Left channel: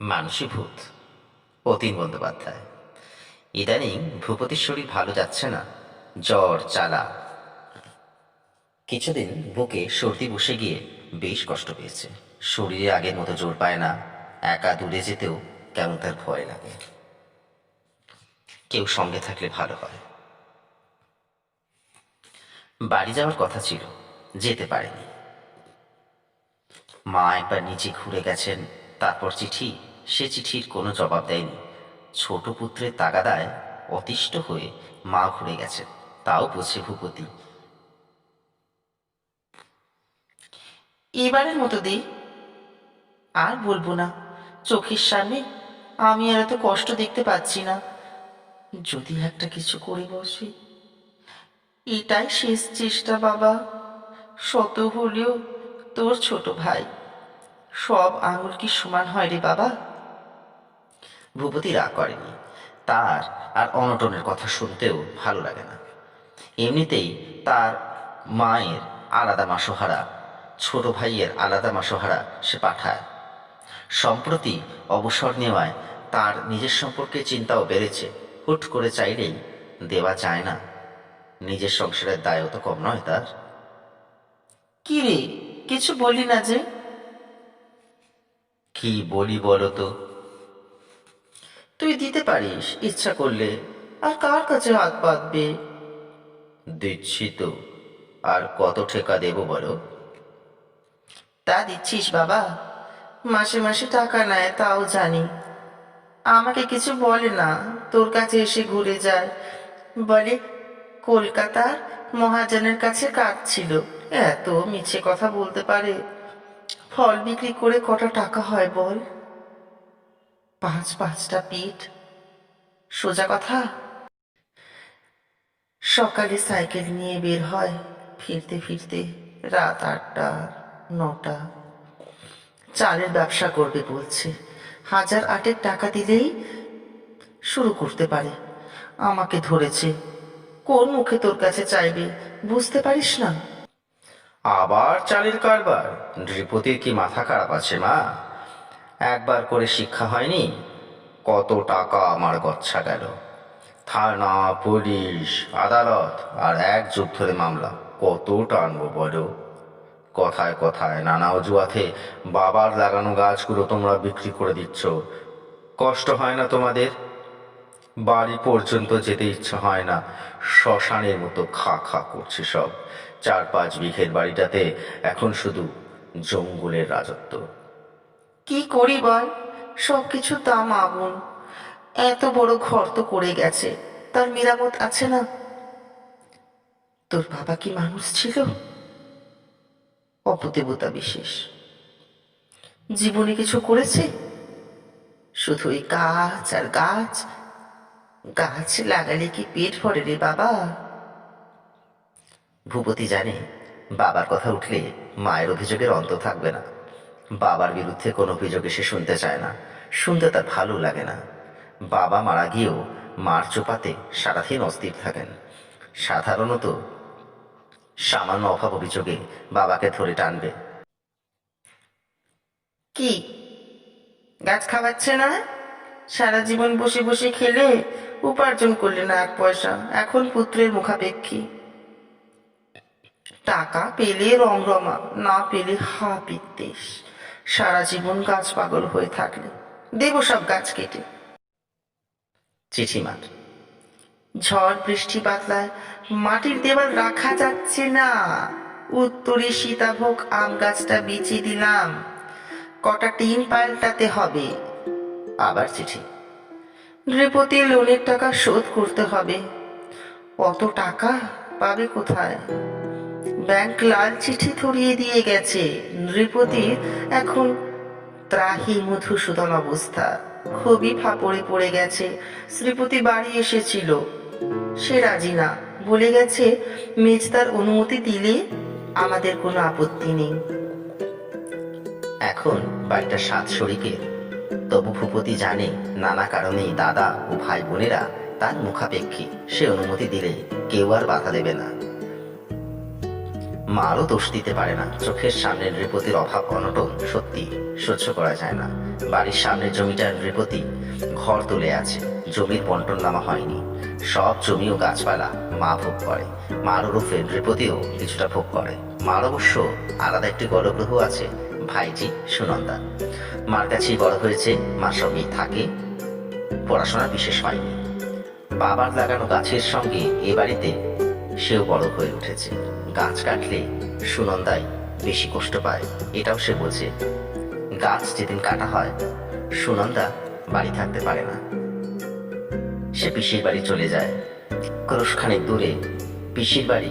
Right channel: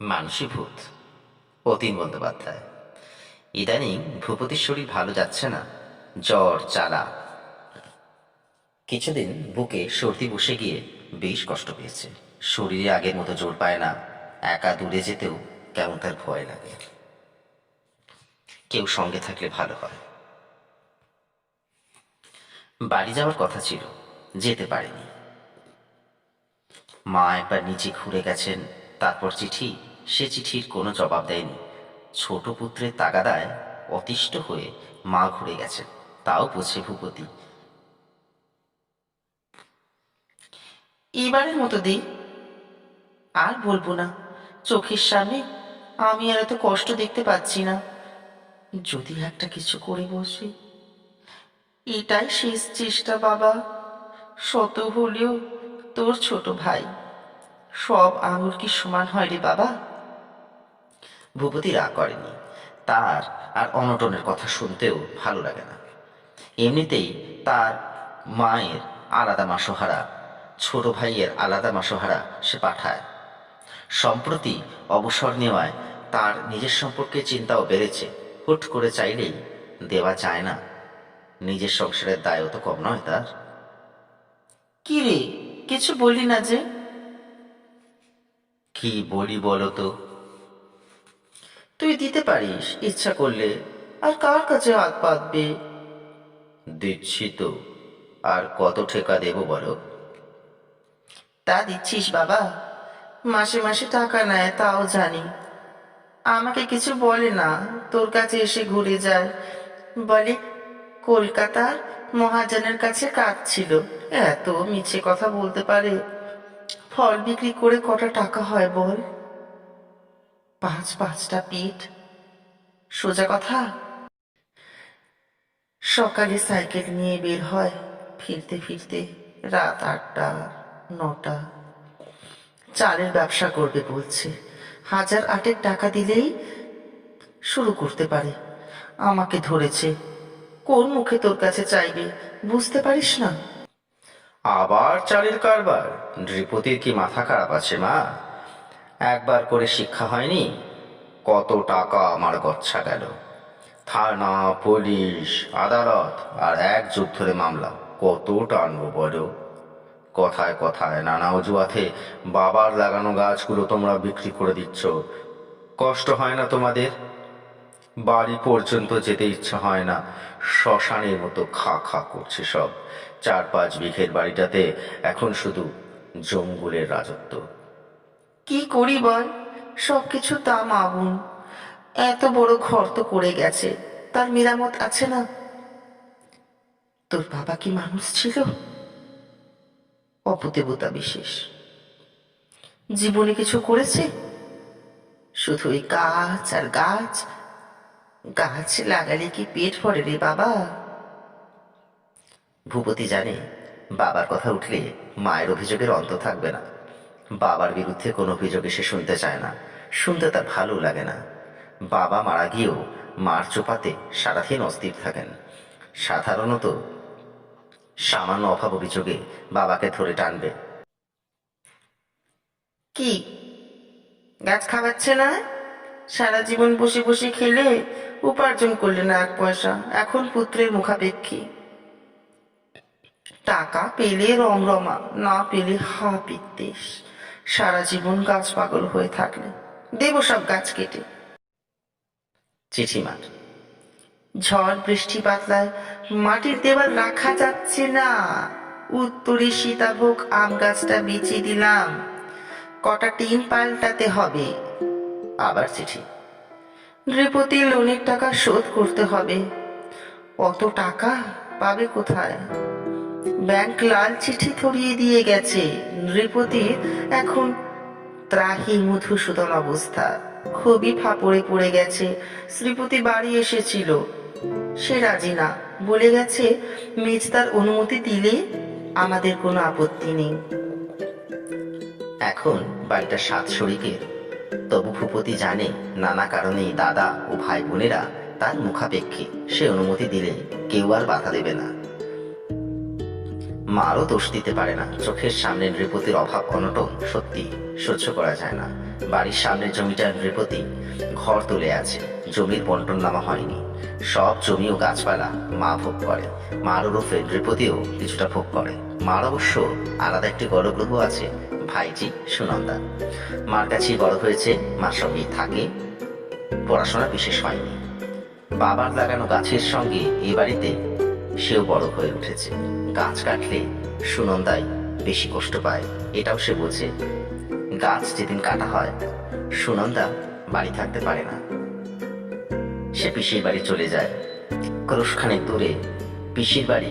মানসী ভূত, অতীন বন্দ্যোপাধ্যায়। ইদানিং ভূপতির শরীর ভালো যাচ্ছে না, জ্বর জ্বালা। কিছুদিন বুকে সর্দি বসে গিয়ে বেশ কষ্ট পেয়েছে। শরীরে আগের মতো জোর পায় না, একা দূরে যেতেও কেমন তার ভয় লাগে। কেউ সঙ্গে থাকলে ভালো হয়। বাড়ি যাওয়ার কথা ছিল, যেতে পারেনি। মা একবার নিচে ঘুরে গেছেন, তারপর চিঠি, সে চিঠির কোনো জবাব দেয়নি। ছোট পুত্রের তাগাদায় অতিষ্ঠ হয়ে মা ঘুরে গেছেন, তাও বোঝে ভূপতি। এবারের মতো দি, আর বলবো না। চোখের সামনে আমি আর এত কষ্ট দেখতে পাচ্ছি না। যদি একটা কিছু করে বসে, এটাই শেষ চেষ্টা বাবা। শত হলেও তোর ছোট ভাই, সব আঙুল কি সমান হয় রে বাবা? ভূপতি রাগ করেনি, তার আর অনটনের কথা শুনতেও ভালো লাগে না। এমনিতেই তার মায়ের আলাদা মাসোহারা, ছোট ভাইয়ের আলাদা মাসোহারা সে পাঠায়। সম্প্রতি অবসর নেওয়ায় তার নিজের সম্পর্কে চিন্তাও বেড়েছে। হুট করে চাইলেই দেওয়া যায় না, নিজের সংসারের দায়ও তো কম নয় তার। কি রে, কিছু বললি না যে? কি বলি বলো তো? তুই দিতে পারিস ইচ্ছা করলে, আর কার কাছে হাত পাতবে? দিচ্ছি তো, আর কত ঠেকা দেব বলো? তা দিচ্ছিস বাবা? মাসে মাসে টাকা নেয় তাও জানি। আমাকে কিছু বলে না, তোর কাছে এসে ঘুরে যায়। বলে কলকাতার মহাজনের কাছে কাজ ছিল। এত মিছে কথা বলতে পারে! ফল বিক্রি করে কটা টাকা হয় বল? পাঁচটা পিঠ। সোজা কথা। সকালে সাইকেল নিয়ে বের হয়, ফিরতে ফিরতে রাত 8টা 9টা। চালের ব্যবসা করবে বলছে, 1008 টাকা দিলেই শুরু করতে পারে। আমাকে ধরেছে, কোন মুখে তোর কাছে চাইবে, বুঝতে পারিস না? আবার চালের কারবার? নৃপতির কি মাথা খারাপ আছে মা? একবার করে শিক্ষা হয়নি? কত টাকা আমার গচ্ছা গেল, থানা পুলিশ আদালত আর 1 যুগ ধরে মামলা, কত টানবো বলো? কথায় কথায় নানা অজুহাতে বাবার লাগানো গাছগুলো তোমরা বিক্রি করে দিচ্ছ। কষ্ট হয় না তোমাদের? বাড়ি পর্যন্ত যেতে ইচ্ছা হয় না, শ্মশানের মতো খা খা করছে সব। 4-5 বিঘের বাড়িটাতে এখন শুধু জঙ্গলের রাজত্ব। কি করি বল, সব কিছুর দাম আগুন। এত বড় ঘর তো করে গেছে, তার মেরামত আছে না? তোর বাবা কি মানুষ ছিল? অপদেবতা বিশেষ। জীবনে কিছু করেছে? শুধু ওই গাছ আর গাছ। গাছ লাগালে কি পেট ভরে রে বাবা? ভূপতি জানে, বাবার কথা উঠলে মায়ের অভিযোগের অন্ত থাকবে না। বাবার বিরুদ্ধে কোনো অভিযোগে সে শুনতে চায় না, শুনতে তার ভালো লাগে না। বাবা মারা গিয়েও মার চোপাতে সারাদিন অস্থির থাকেন। সাধারণত সামান্য অভাব অভিযোগে বাবাকে ধরে টানবে। কি গাছ খাওয়াচ্ছে না? সারা জীবন বসে বসে খেলে উপার্জন করলে না 1 পয়সা, এখন পুত্রের মুখাপেক্ষী। টাকা পেলে রমরমা, না পেলে হা বিদ্বেষ। সারা জীবন গাছ পাগল হয়ে থাকলে দেব সব গাছ কেটে। চিঠিমার। ঝড় বৃষ্টি বাতলায় মাটির দেওয়াল রাখা যাচ্ছে না। উত্তরে সীতাভোগ আম গাছটা বিছিয়ে দিলাম, কটা টিন পাল্টাতে হবে। আবার চিঠি। নৃপতির লোনের টাকা শোধ করতে হবে। অত টাকা পাবে কোথায়? ব্যাংক লাল চিঠি ধরিয়ে দিয়ে গেছে। নৃপতির এখন ত্রাহি মধুসূদন অবস্থা, খুবই ফাপড়ে পড়ে গেছে। শ্রীপতি বাড়ি এসেছিল, সে রাজি না, বলে গেছে মেজদার অনুমতি দিলে আমাদের কোনো আপত্তি নেই। এখন বাড়িটা 7 শরিকের, তবু ভূপতি জানে নানা কারণেই দাদা ও ভাই বোনেরা তার মুখাপেক্ষী। সে অনুমতি দিলে কেউ আর বাধা দেবে না। মারও দোষ দিতে পারে না, চোখের সামনে নৃপতির অভাব অনটন সত্যি সহ্য করা যায় না। বাড়ির সামনের জমিটার নৃপতি ঘর তুলে আছে, জমির বন্টন নামা হয়নি। সব জমি ও গাছপালা মা ভোগ করে, মার ওরফে নৃপতিও কিছুটা ভোগ করে। মার অবশ্য আলাদা একটি গলগ্রহ আছে, ভাইজি সুনন্দা। মার কাছেই বড় হয়েছে, মার সঙ্গেই থাকে, পড়াশোনা বিশেষ হয়নি। বাবার লাগানো গাছের সঙ্গে এ বাড়িতে সেও বড় হয়ে উঠেছে। গাছ কাটলে সুনন্দাই বেশি কষ্ট পায়, এটাও সে বোঝে। গাছ যেদিন কাটা হয় সুনন্দা বাড়ি থাকতে পারে না, সে পিসির বাড়ি চলে যায়। ক্রোশখানেক দূরে পিসির বাড়ি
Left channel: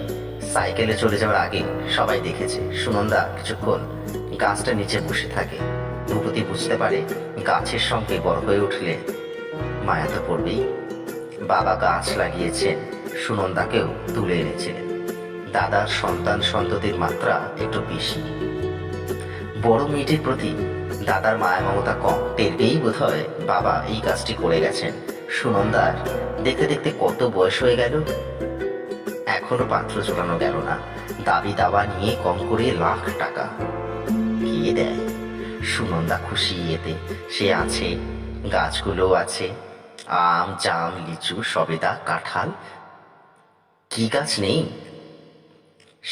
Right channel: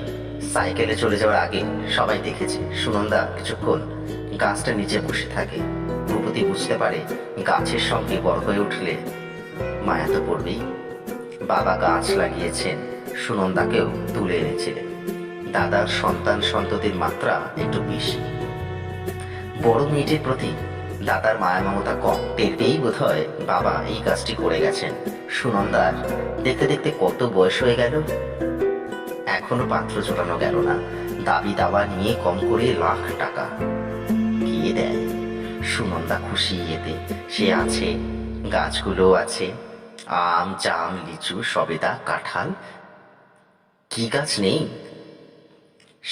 সাইকেলে চলে যাওয়ার আগে সবাই দেখেছে সুনন্দা কিছুক্ষণ গাছটার নিচে বসে থাকে। ভূপতি বুঝতে পারে গাছের সঙ্গে বড় হয়ে উঠলে মায়া তো পড়বেই। বাবা গাছ লাগিয়েছেন, সুনন্দাকেও তুলে এনেছিলেন। দাদার সন্তান সন্ততির মাত্রা একটু বেশি। বড় মেয়েটির প্রতি দাদার মায়া মমতা কম, টের পেয়েই বোধ হয় বাবা এই কাজটি করে গেছেন। সুনন্দার দেখতে দেখতে কত বয়স হয়ে গেল, এখনো পাত্র জোটানো গেল না। দাবি দাওয়া নিয়ে কম করে লাখ টাকা কে দেয়? সুনন্দা খুশি এতে, সে আছে, গাছগুলো আছে, আম জাম লিচু সবেদা কাঁঠাল, কি গাছ নেই?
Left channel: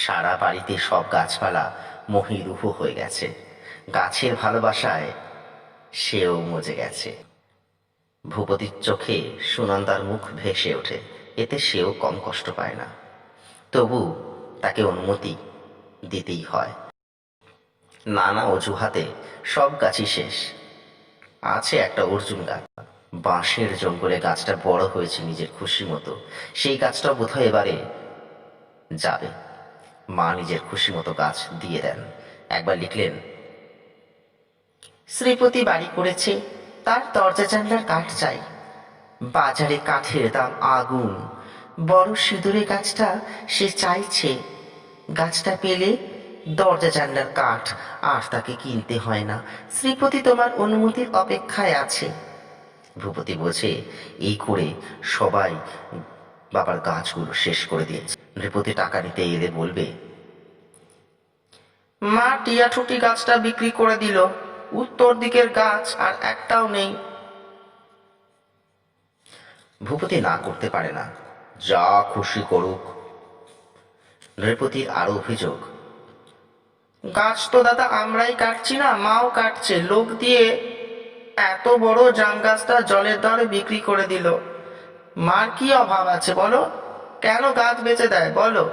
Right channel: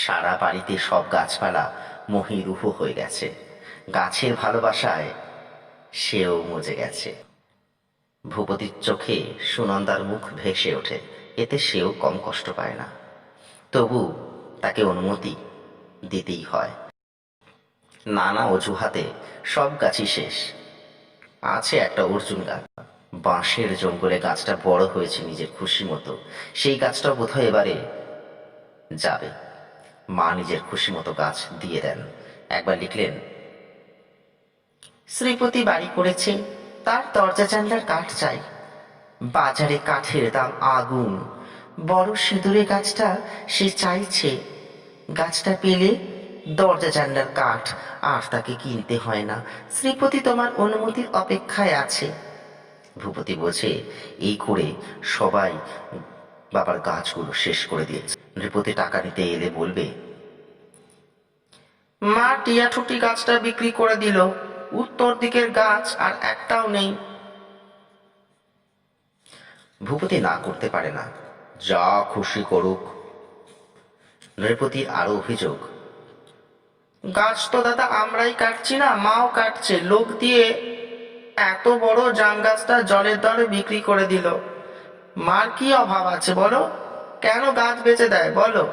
সারা বাড়িতে সব গাছপালা মহিরুহ হয়ে গেছে। গাছের ভালোবাসায় সেও মজে গেছে। ভূপতির চোখে সুনন্দার মুখ ভেসে ওঠে, এতে সেও কম কষ্ট পায় না। তবু তাকে অনুমতি দিতেই হয়। নানা অজুহাতে সব গাছই শেষ। আছে একটা অর্জুন গাছ, বাঁশের জঙ্গলে গাছটা বড় হয়েছে নিজের খুশি মতো, সেই গাছটাও বোধহয় এবারে যাবে। মা নিজের খুশি মতো গাছ দিয়ে দেন। একবার লিখলেন, শ্রীপতি বাড়ি করেছে, তার দরজা জানলার কাঠ চাই। বাজারে কাঠের দাম আগুন, বড় সিঁদুরে গাছটা সে চাইছে। গাছটা পেলে দরজা জানলার কাঠ আর তাকে কিনতে হয় না। শ্রীপতি তোমার অনুমতির অপেক্ষায় আছে। ভূপতি বোঝে এই করে সবাই বাবার গাছগুলো শেষ করে দিয়েছে। নৃপতি টাকা নিতে এলে বলবে, মা টিয়াঠুটি গাছটা বিক্রি করে দিল, উত্তর দিকের গাছ আর একটাও নেই। ভূপতি না করতে পারে না, যা খুশি করুক। নৃপতির আরো অভিযোগ, গাছ তো দাদা আমরাই কাটছি না, মাও কাটছে, লোক দিয়ে এত বড় জাম গাছটা জলের দরে বিক্রি করে দিল। মার কি অভাব আছে বলো? কেন গাছ বেচে দেয় বলো?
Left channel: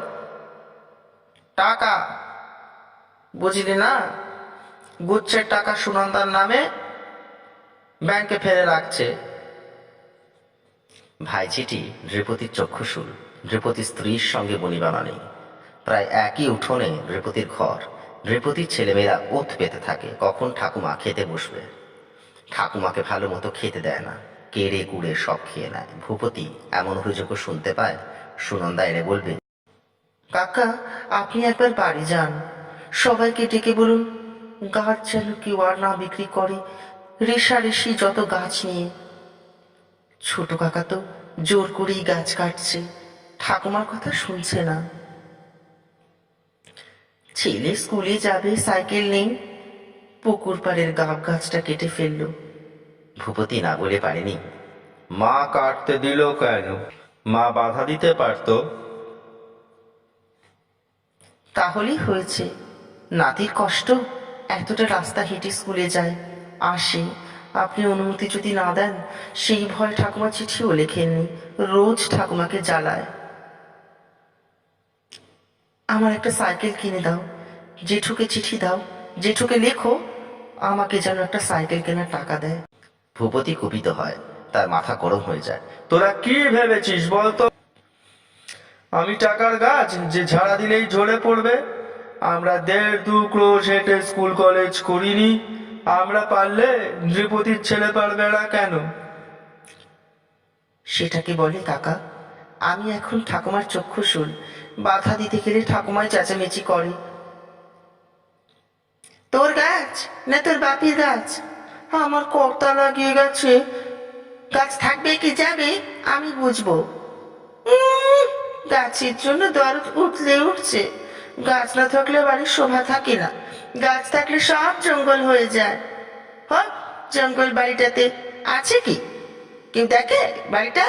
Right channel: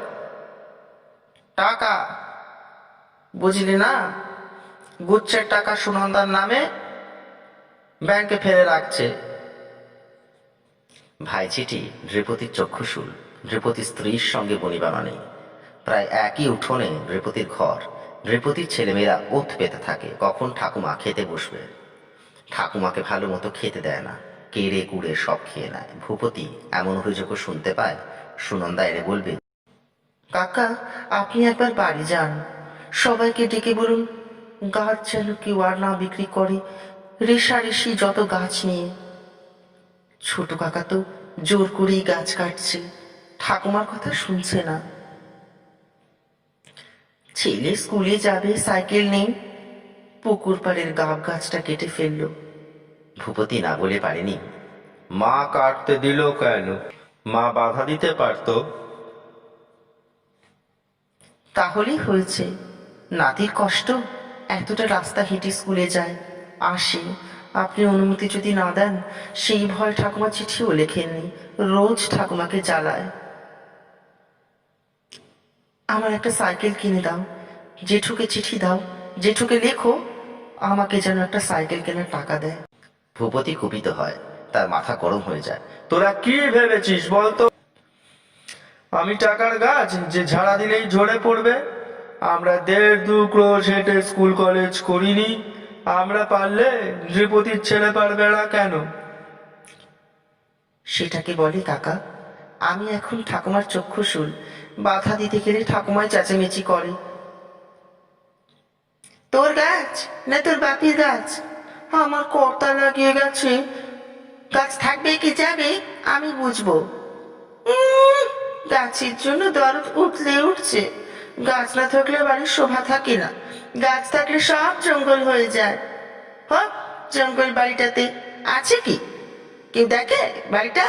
টাকা, বুঝলি না? গুচ্ছের টাকা সুনন্দার নামে ব্যাংকে ফেলে রাখছে। ভাইঝিটি নৃপতির চক্ষুশূল। নৃপতির স্ত্রীর সঙ্গে বনিবানা নেই। প্রায় একই উঠোনে নৃপতির ঘর। নৃপতির ছেলেমেয়েরা ওথ পেতে থাকে কখন ঠাকুমা খেতে বসবে। ঠাকুমাকে ভালো মতো খেতে দেয় না, কেড়ে কুড়ে সব খেয়ে নেয়। ভূপতি এমন অভিযোগও শুনতে পায়। সুনন্দা এনে বলবে, কাকা, আপনি একবার বাড়ি যান, সবাইকে ডেকে বলুন গাছ যেন কেউ আর না বিক্রি করে, রেশারেশি যত গাছ নিয়ে। ছোট কাকা তো জোর করেই গাছ কাটছে, ঠাকুমার কথা শুনছে না। ছেলে স্কুলে যাবে, সাইকেল নেই, পুকুর পাড়ের গাব গাছটা কেটে ফেললো। ভূপতি না বলে পারেনি। মা কাটতে দিল কেন? মা বাধা দিতে পারতো। তাহলেই হয়েছে। নাতির কষ্ট, এতটা রাস্তা হেঁটে স্কুলে যায় আসে, আপনি অনুমতি যদি না দেন, সেই ভয় ঠাকুমা চিঠিও লেখেননি, রোজ ঠাকুমাকে জ্বালায়। আমার একটা সাইকেল কিনে দাও, জেঠুকে চিঠি দাও, জেঠুকে লেখো আমাকে যেন একটা সাইকেল কেনার টাকা দেয়। ভূপতি কুপিত হয়, তার মাথা গরম হয়ে যায়। তোরা কি ভেবেছিস বলতো? আমি টাকার গাছ যে ঝাড়া দিলেই ঝরে পড়বে? আমরা 1.5-2 ক্রোশ হেঁটে স্কুল কলেজ করিনি। আমরা পারলে নৃপতির ছেলে পারবে না কেন? সেটাকে বলে কাকা, আমি এখন ঠাকুমার চক্ষুশূল, বাধা দিতে গেলে ঠাকুমায় চেঁচামেচি করে। তোর গাছ না তোর বাপির গাছ? আমার কর্তা লাগিয়ে গেছে, গাছ থাকবে কি যাবে আমি বুঝবো। গাছের জন্য দরদ উঠলে উঠছে, গাছ না থাকলে বাড়ির শোভা থাকে না, গাছ থাকলে সব জঙ্গল হয়ে যায়। হোক জঙ্গল বাড়িটাতে আছে কি? কেউ দেখে বাড়িটা?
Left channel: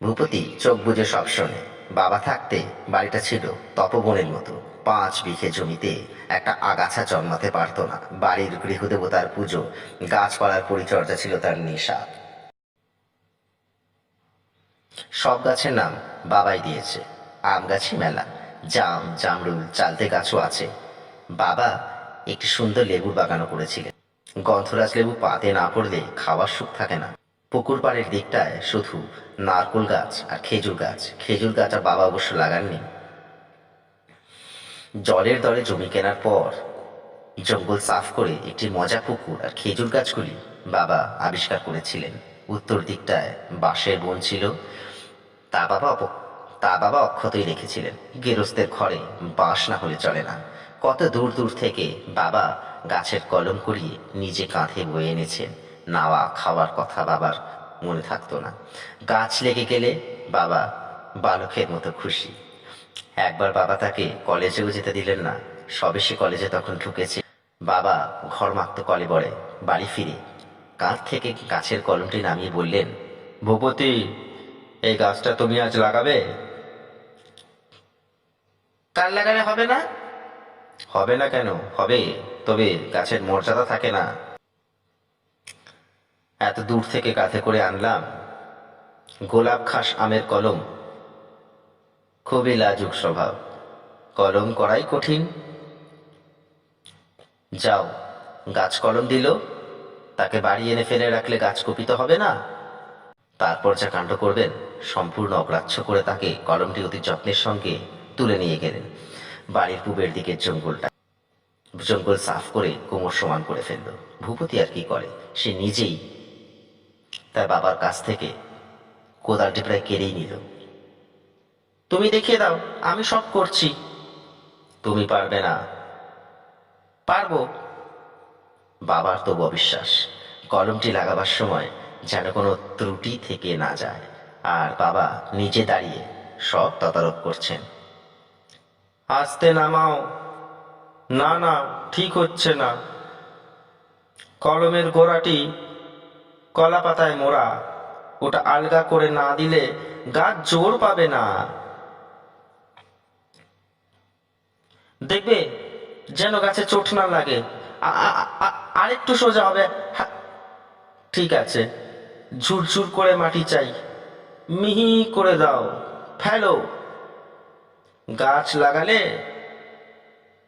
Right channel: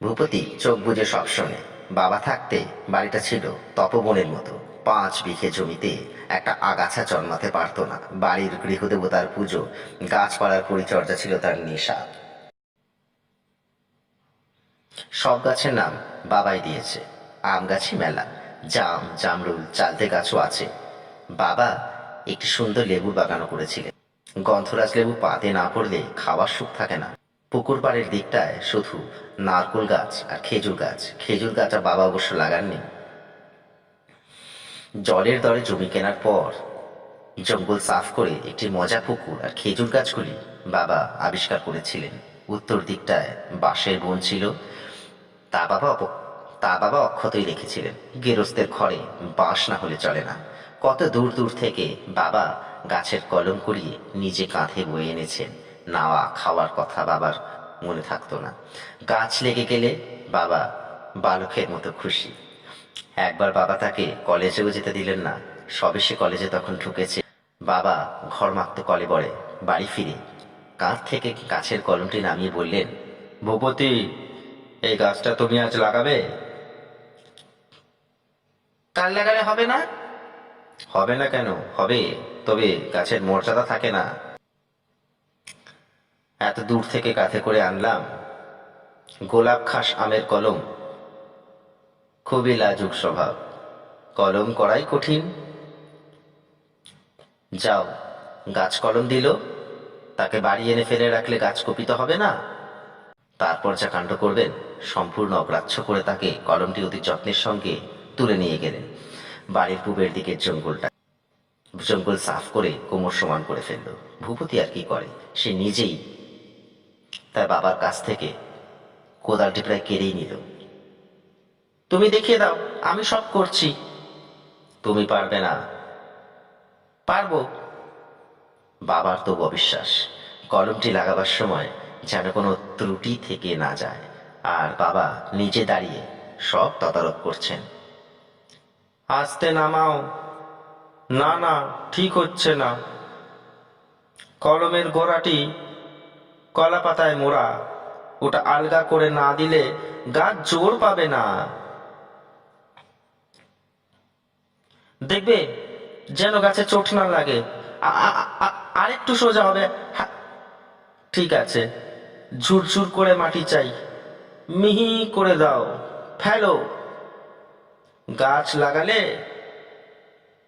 ভূপতি চোখ বুজে সব শোনে। বাবা থাকতে বাড়িটা ছিল তপবনের মতো। 5 বিঘে জমিতে একটা আগাছা জন্মাতে পারত না। বাড়ির গৃহদেবতার পুজো, গাছপালার পরিচর্যা ছিল তার নেশা। সব গাছের নাম বাবাই দিয়েছে। আম গাছই মেলা, জাম, জামরুল, চালতে গাছও আছে। বাবা একটি সুন্দর লেবুর বাগানও করেছিলেন। গন্ধরাজ লেবু পাতে না পড়লে খাওয়ার সুখ থাকে না। পুকুর পাড়ের দিকটায় শুধু নারকোল গাছ আর খেজুর গাছ। খেজুর গাছ আর বাবা অবশ্য লাগাননি। জলের দরে জমি কেনার পর জঙ্গল সাফ করে একটি মজা পুকুর আর খেজুর গাছগুলি বাবা আবিষ্কার করেছিলেন। উত্তর দিকটায় বাঁশের বন ছিল। তা বাবা অক্ষতই রেখেছিলেন। গেরস্তের ঘরে বাঁশ না হলে চলে না। কত দূর দূর থেকে বাবা গাছের কলম করিয়ে নিজে কাঁধে বয়ে এনেছেন। নাওয়া খাওয়ার কথা বাবার মনে থাকতো না। গাছ লেগে গেলে বাবা বালকের মতো খুশি। একবার বাবা তাকে কলেজেও যেতে দিলেন না। সবে সে কলেজে তখন ঢুকেছে। বাবা ঘর মাখতো কলেবরে। বাড়ি ফিরে কাঁধ থেকে গাছের কলমটি নামিয়ে বললেন, ভূপতি, এই গাছটা তুমি আজ লাগাবে? কাল লাগালে হবে না? হবে না কেন? হবে, তবে গাছের মর্যাদা থাকে না। এত দূর থেকে কাঁধে করে আনলাম গোলাপ খাস আমের কলম। খুবই লাজুক স্বভাব, কলম করাই কঠিন। যাও, গাছ কলম দিল, তাকে বাড়ি এনে ফেলে রাখলে গাছ কুপিত হবে না? তারপর যা কাণ্ড করবেন সম্পূর্ণ অগ্রাহ্য করে তাকে কলমটি অতি যত্নের সঙ্গে তুলে নিয়ে গেলেন। বাড়ির পূবের দিকের জঙ্গল সাফ করে কোমর সমান করে ফেলল। ভূপতি আর কি করে, সে নিজেই তার বাবার কাছ থেকে কোদালটি প্রায় কেড়েই নিল। তুমি দেখিয়ে দাও, আমি সব করছি। তুমি পারবে না। পারবো। বাবার তবু অবিশ্বাস। কলমটি লাগাবার সময় যেন কোনো ত্রুটি থেকে না যায়। আর বাবা নিজে দাঁড়িয়ে সব তদারক করছেন। আস্তে নামাও। না না, ঠিক হচ্ছে না। কলমের গোড়াটি কলা পাতায় মোড়া, ওটা আলগা করে না দিলে গাছ জোর পাবে না। দেখবে যেন গাছে চোট না লাগে। আরেকটু সোজা হবে। ঠিক আছে, ঝুরঝুর করে মাটি চাই। মিহি করে দাও, ফেলো। গাছ লাগালে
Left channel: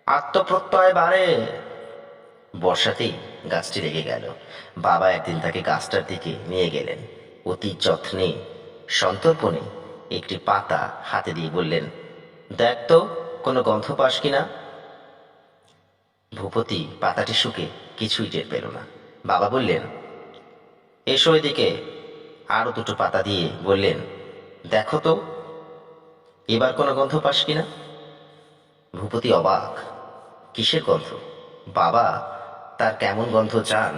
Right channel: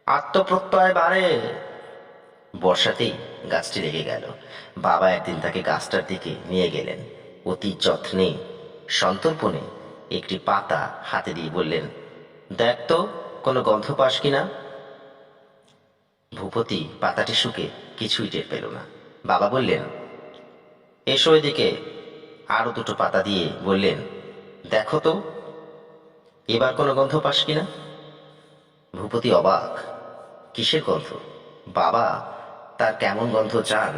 আত্মপ্রত্যয় বাড়ে। বর্ষাতেই গাছটি লেগে গেল। বাবা একদিন তাকে গাছটার দিকে নিয়ে গেলেন। অতি যত্নে সন্তর্পণে একটি পাতা হাতে দিয়ে বললেন, দেখ তো কোনো গন্ধ পাস কিনা। ভূপতি পাতাটি শুকে কিছুই টের পেল না। বাবা বললেন, এসো এদিকে। আরো 2টো পাতা দিয়ে বললেন, দেখো তো এবার কোনো গন্ধ পাস কিনা। ভূপতি অবাক, কিসের গন্ধ? বাবা তার কেমন গন্ধ চান?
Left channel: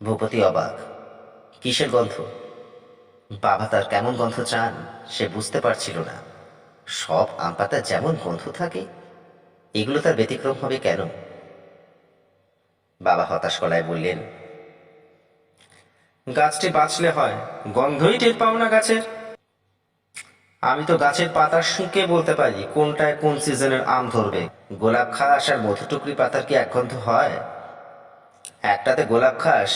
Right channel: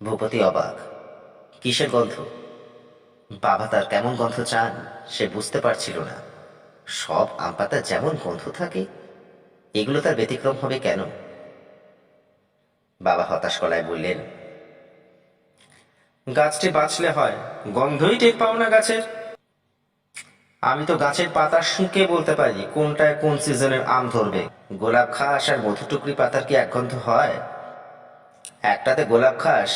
ভূপতি অবাক, কিসের গন্ধ? বাবা তার কেমন গন্ধ চান সে বুঝতে পারছিল না। সব আম পাতা যেমন গন্ধ থাকে, এগুলো তার ব্যতিক্রম হবে কেন? বাবা হতাশ গলায় বললেন, গাছটি বাঁচলে হয়, গন্ধই টের পাও না গাছের? আমি তো গাছের পাতা শুঁকে বলতে পারি কোনটায় কোন সিজনের আম ধরবে। গোলাপ খাস আর মধুটুকরি পাতার কি এক গন্ধ হয়? একটাতে গোলাপ খাস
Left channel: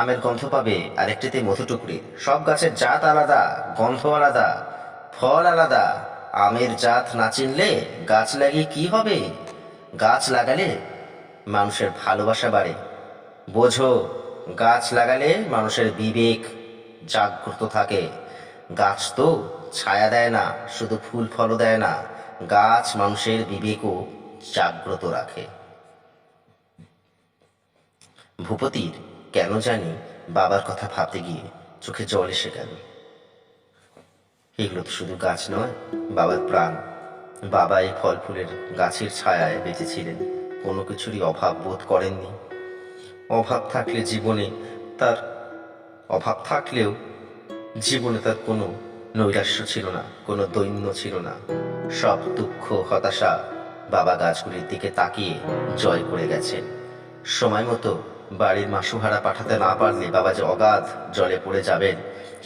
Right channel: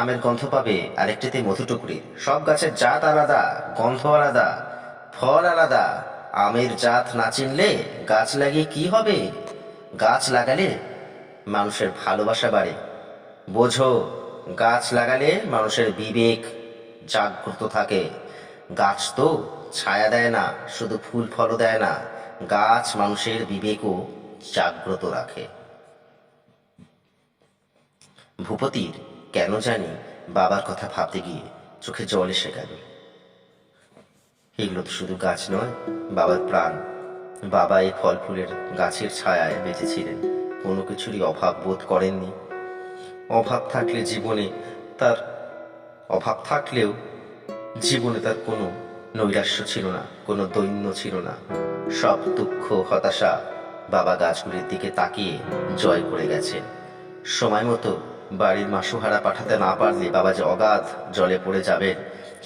আমের গন্ধ পাবে, আরেকটিতে মধুটুকরি। সব গাছের জাত আলাদা, গন্ধ আলাদা, ফল আলাদা। আমের জাত না চিনলে গাছ লাগিয়ে কি হবে? গাছ লাগালে মানুষের ভালোবাসা বাড়ে। বোঝো, গাছ লাগালে মানুষের বিবেক জাগ্রত থাকে। গাছ তো ছায়া দেয় না, শুধু ফুল ফলও দেয় না, গাছ মানুষের বিবেকও জাগ্রত রাখে। ভূপতির কেন জানি বাবার কথা ভাবতে গিয়ে চোখে জল এসে গেল। এগুলো তো শুধু গাছ নয়, বাবার প্রাণ। বাবা এই ফল ফুলের গাছের ছায়ায় বেঁচেছিলেন, কোনো কিছুরই অভাব বোধ করেননি। অভাব থাকলেও জীবনে তার কোনো নৈরাশ্য ছিল না, কোনো দৈন্য ছিল না। সব দুঃখ হতাশা বাবা গাছগুলির দিকে তাকিয়ে জয় করে গেছেন। সময় মতো বাড়ির মাসুহারা পাঠাতে না পারলে বাবা যে অগাধ জলে পড়ে যাবেন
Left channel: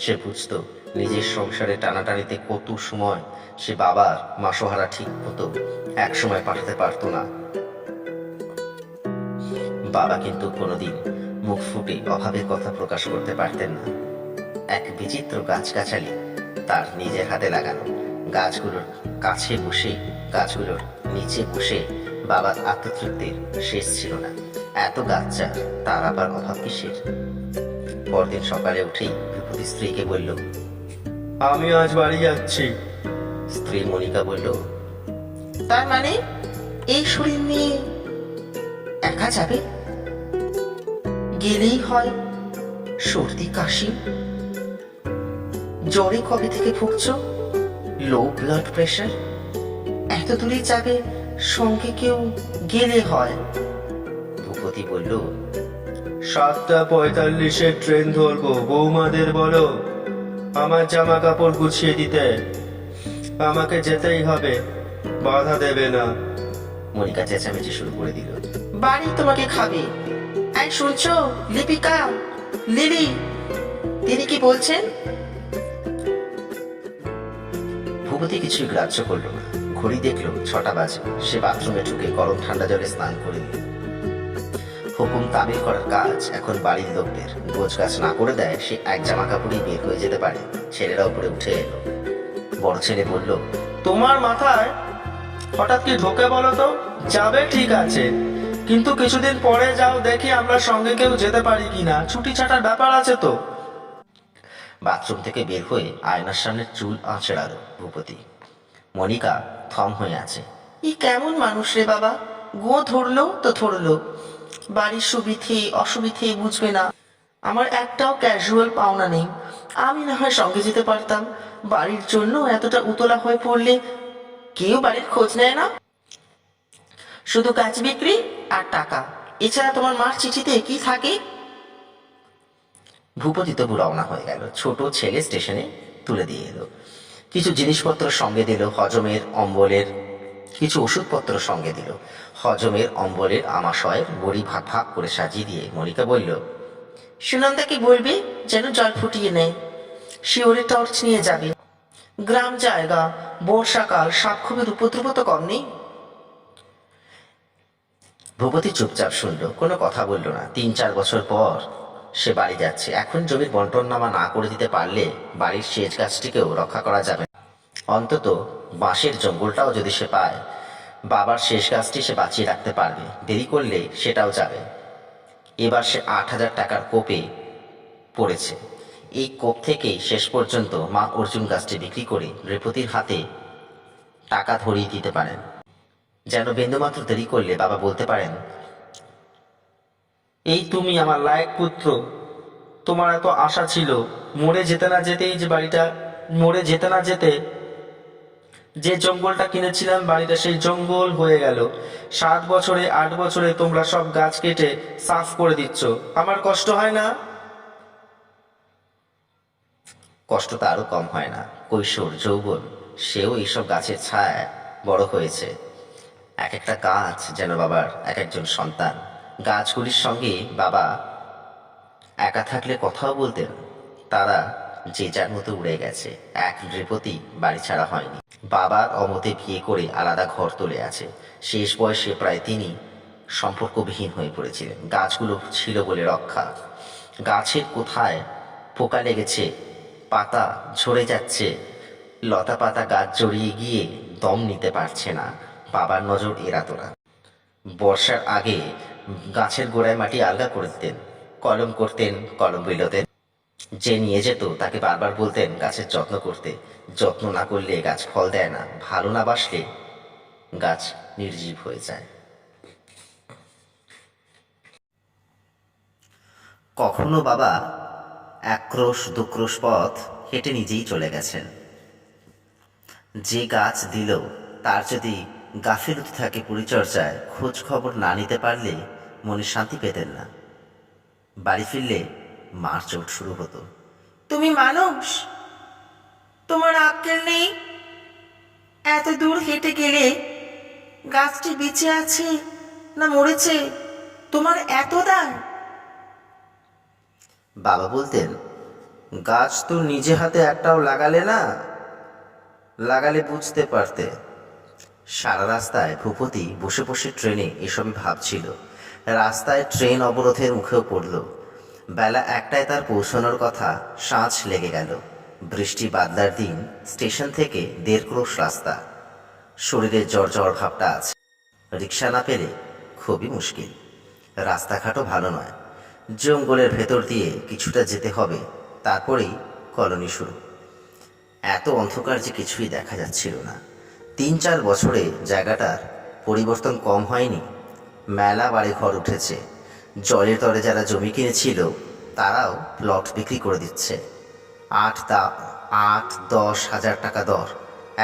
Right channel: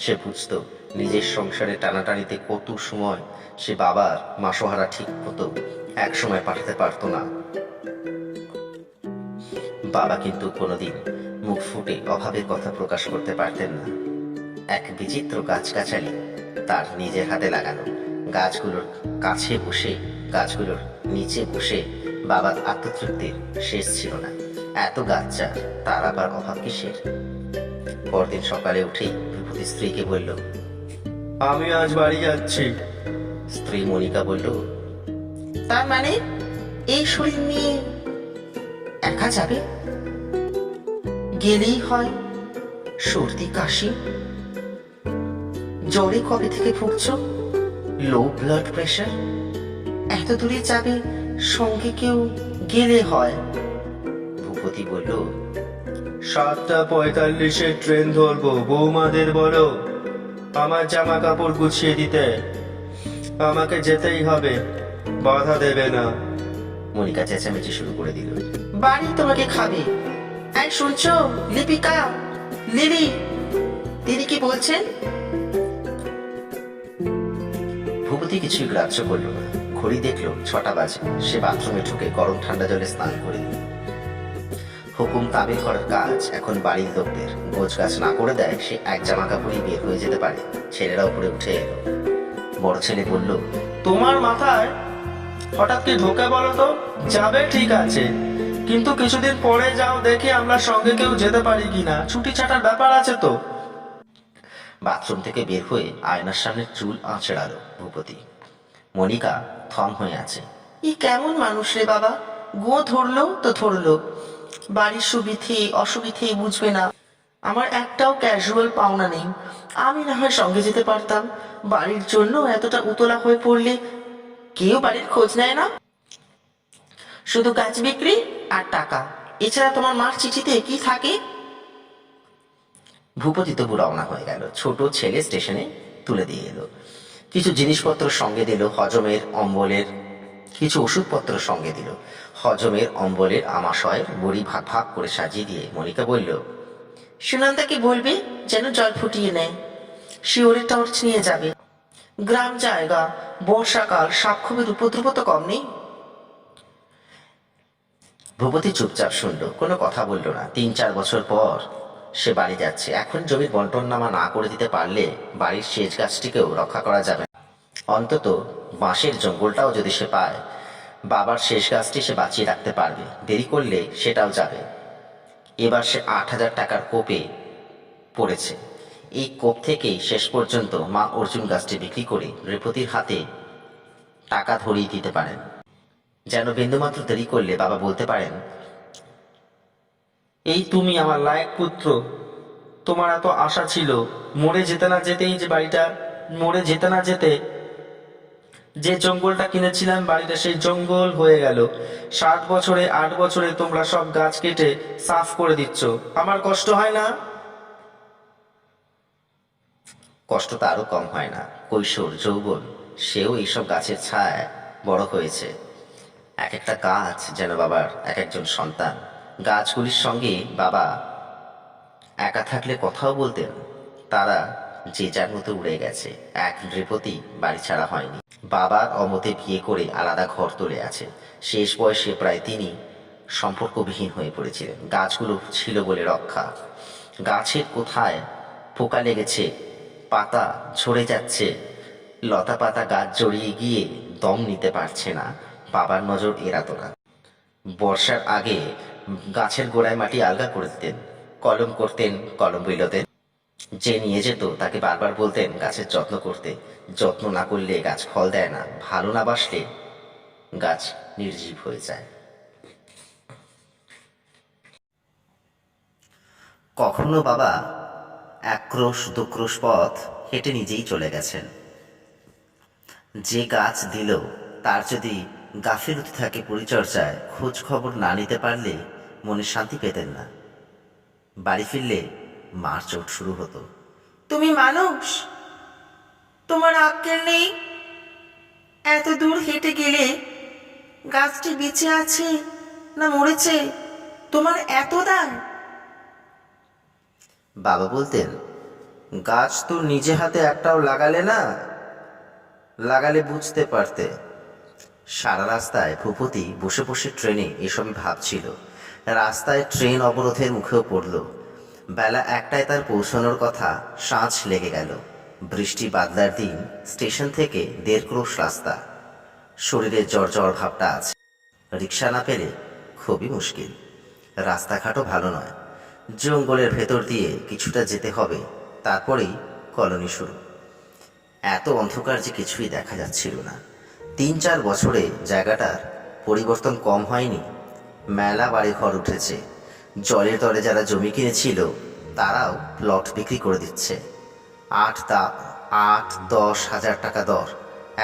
সে বুঝত। নিজের সংসারে টানাটানিতে কত সময় সে বাবার মাসোহারা ঠিক মতো এক সময় পাঠাতে পারতো না। বাবা কিন্তু কোনোদিন মুখ ফুটে অভাবের কথা প্রকাশ করতে পারতেন না। এক বিচিত্র গাছগাছালি তার নিজের হাতে লাগানো, গাছগুলোর কাছে বসে গাছগুলোর নিচে বসে বাবার আত্মতৃপ্তির শেষ ছিল না। এত গাছ চার, তার আবার অভাব কিসের? পরদিন সকালে উঠেই বিভূতি স্ত্রীকে বলল, আমি আজ বাড়ি যাচ্ছি। স্ত্রী মনিকা বলল, তার মানে এই শরীর নিয়ে একা যাবে? গেলেই হয় সর্দি কাশি। জ্বরে কবে থেকে ভুগছো? Low blood pressure. এত দূরে যাবে, সঙ্গে কেউ গেলে হয়। ভূপতি বলল, 7:45 ট্রেন ধরবো। বৌমাদের বলো আমার জামা কাপড় গুছিয়ে দিতে। আমাকে যেতেই হবে, বাধা দেবে না। মনিকা চেঁচামেচি শুরু করে দিল। বাড়ি তোমাকে খাবে। এই শুনছো লিপিকা, লিলি, তিনি কি বলছেন? ভূপতি কিছুই গ্রাহ্য করলো না। ঘড়ি দেখলো 6টা বাজে। সে বাথরুমে ঢুকে গরম ঠান্ডা জলে স্নান করে দিল। হুকুম তামিল করার কাজ এখন বাড়ির লোকদের। গোছ গাছ না করে দেয় সে এক জামা কাপড়ই বের হয়ে যেতে পারে। ছেলেরা উপরে উঠে এলো। বড় ছেলে বলল, তোমার মাথায় হঠাৎ কি ঢোকে বলো তো? যাবে ঠিক আছে, কিন্তু কিছুদিন পরে যাও, দেখি আমরা সঙ্গে কেউ যেতে পারি কিনা। ছুটি ছাটার ব্যাপার আছে তো। বাথরুম থেকে বের হয়ে আয়নার সামনে চুল আঁচড়ালো ভূপতি। মনিকা থম হয়ে আছে। ই কেমন মানুষ রে বাবা? গো ধরলো তো ধরলো, বাড়ির সুবিধে অসুবিধে বুঝবে না। আমার একটাও ক্যাজুয়াল পাওনা নেই। আমি না হয় সঙ্গে যেতে পারতাম। বাড়ির জন্য এতটা উতলা হয়ে পড়লে কেউ বাড়ির খোঁজ নেয় না। শুধু গাছ বিক্রি আর টাকা, এছাড়া তোমার মার চিঠিতে কি থাকে? ভূপতি তবু রওনা হয়ে গেল। ছোট ছেলে স্টেশনে তুলে দিয়ে এলো। কিছু জিনিসপত্র সঙ্গে দিল, হজমের অম্বলের কিছু ওষুধপত্র সঙ্গে দিল। হজমের অম্বলের আমাশয়ের বড়ি ভাগ ভাগ করে সাজিয়ে দিয়ে মনিকা বলল, সুনন্দাকে বলবে যেন জল ফুটিয়ে নেয়। শিওরে টর্চ নিয়ে যাবে। গ্রাম জায়গা, বর্ষাকাল, সাপখোপের উপদ্রব তো কম নেই। ভূপতি চুপচাপ শুনল, কোনো কথা বলল না। 3-4 বছর পর সে বাড়ি যাচ্ছে। এখন জমির বন্টননামা না করে দিতে পারলে বাড়ির শেষ গাছটিকেও রক্ষা করা যাবে না। অন্তত বাঁশের জঙ্গলটাও যদি সে পায়, বাবার শেষ গাছটি সে বাঁচিয়ে রাখতে পারবে। দেরি করলে সেটাও যাবে। এবার সে 8,000 টাকার কোপে পড়েছে। এই কোপ থেকেই শেষ পর্যন্ত মা অর্জুন গাছটি বিক্রি করে নৃপতির হাতে টাকা ধরিয়ে দিতে পারেন, যেন বিন্দুমাত্র দেরি করলে বাবা বলতে পারেন, এই তুমি আমার লায়ক পুত্র। তোমার এত আশা ছিল, মরে যেতে না যেতেই যে বাড়িটা, মরে যেতে না যেতে যে জঙ্গলটা কিনেছিলাম, বাড়িটা সেই জঙ্গল হয়ে গেল। 7 বছরে 8 বছরে তোমরা সব গাছ কেটে সাফ করে দিচ্ছ। আমার কষ্ট হয় না? কষ্ট তো আরও কম হয় না। কৈশোর যৌবন সেও এইসব গাছের ছায়ায় বড় হয়েছে। এক একটা গাছ যেন বাবার এক একজন সন্তান। গাছগুলির সঙ্গে বাবা একা থাকলে কথাও বলতেন। তারা যে যার মতো উড়ে গেছে। এক নৃপতি বাড়ি ছাড়া হয়নি। বাবার অমতে বিয়ে করে আলাদা ঘর তুলে আছে। শেষ বয়সে প্রায় তিনি সম্পর্কবিহীন হয়ে পড়েছিলেন। গাছগুলো ছিল বলে রক্ষা। গাছের কোথায় পোকা লেগেছে, পাতা ঝরে যাচ্ছে, লতা পাতা গাছ জড়িয়ে গিয়ে দম নিতে পারছে না, বাবার নজর এড়াতো না। বর্ষার আগে গাছের গোড়ায় মাটি আলগা করে দিতেন। কলম করতেন, কলম বিলোতেন। যে নিয়ে যেত তাকে বারবার বলতেন গাছের যত্ন করতে। যত্ন না করলে গাছ ফল দেয় না, ভালো না বাসলে গাছ নির্জীব হয়ে যায়। কখনো বাবা 1 ক্রোশ 2 ক্রোশ পথ হেঁটে নিজেই চলে গেছেন। যে গাছ দিল তার যদি গাফিলতি থাকে পরিচর্যায়, খোঁজ খবর না নিতে পারলে মনে শান্তি পেতেন না। বাড়ি ফিরলে মার চোট শুরু হতো। তুমি মানুষ? তোমার আক্কেল নেই? এত দূর হেঁটে গেলে গাছটি বেঁচে আছে না মরেছে তোমার এত দায়? বাবা বলতেন, গাছ তো নিজে হাতে একটাও লাগালে না, লাগালে বুঝতে পারতে। সারা রাস্তায় ভূপতি বসে বসে ট্রেনে এসবই ভাবছিল। রাস্তায় ট্রেন অবরোধের মুখেও পড়ল। বেলা 1টায় তার পৌঁছানোর কথা, সাঁঝ লেগে গেল। বৃষ্টি বাদলার দিন, স্টেশন থেকে 1.5 ক্রোশ রাস্তা। শরীরে জ্বর ভাবটা আছে। রিক্সা না পেলে খুবই মুশকিল। রাস্তাঘাটও ভালো নয়। জঙ্গলের ভেতর দিয়ে কিছুটা যেতে হবে, তারপরেই কলোনি শুরু। এত অন্ধকার যে কিছুই দেখা যাচ্ছিল না। 3-4 বছরে জায়গাটার পরিবর্তন কম হয়নি। মেলা বাড়িঘর উঠেছে। জলের দরে যারা জমি কিনেছিল তারাও প্লট বিক্রি করে দিচ্ছে। 8-10 হাজার টাকা দর।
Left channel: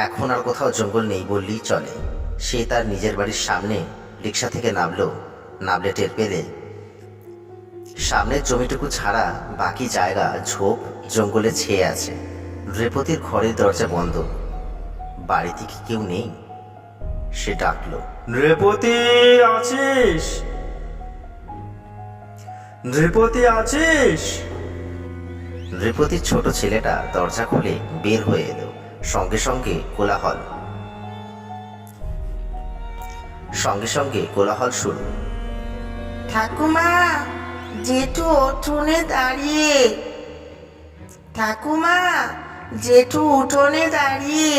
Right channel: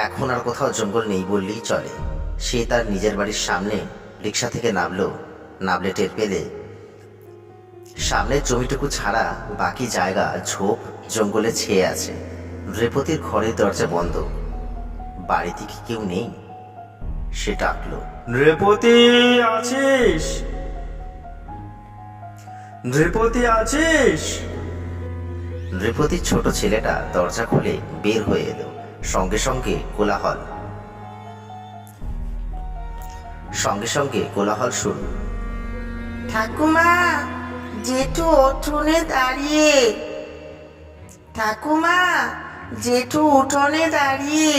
এখন আর কোথাও জঙ্গল নেই বললেই চলে। সে তার নিজের বাড়ির সামনে রিক্সা থেকে নামলে টের পেলে সামনের জমিটুকু ছাড়া বাকি জায়গা ঝোপ জঙ্গলে ছেয়ে আছে। রেপতির ঘরের দরজা বন্ধ। বাড়িতে কি কেউ নেই? সে ডাকলো, নৃপতি আছিস? নৃপতি আছিস? নৃপতির ছোট ছেলেটা দরজা খুলে বের হয়ে এলো। সঙ্গে সঙ্গে কোলাহল শুরু। ঠাকুমা, জেঠু উঠোনে দাঁড়িয়ে। ঠাকুমা, জেঠু উঠোনে দাঁড়িয়ে।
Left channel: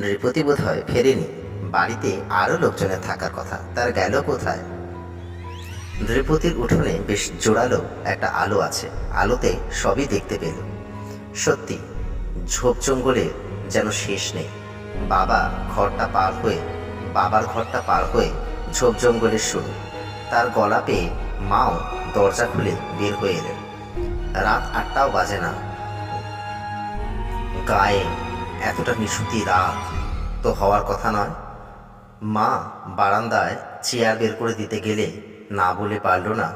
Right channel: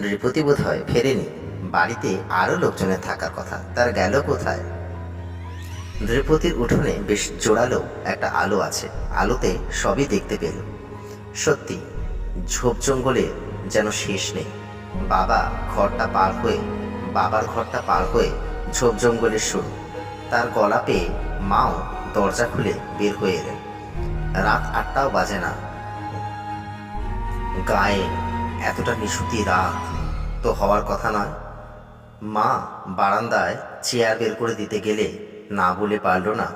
নৃপতি বোধ হয় ফেরেনি। বাড়িতে আরও লোকজনের থাকার কথা, তার গেল কোথায়? নৃপতির উঠোনে বেশ জোরালো একটা আলো আছে। আলোতে সবই দেখতে পেল। সত্যি, ঝোপ জঙ্গলে যেন শেষ নেই। বাবার ঘরটা পার হয়ে ঝোপ জঙ্গলের শুরু। তার গলা পেয়ে মাও দরজা খুলে বের হয়ে এলেন। রাত 8টাও বাজে না। গায়ে এতটা নিশুতি রাত তো হওয়ার কথা নয়। মা বারান্দায় চেয়ার বের করে দিতে গেলে না বলে পারল না।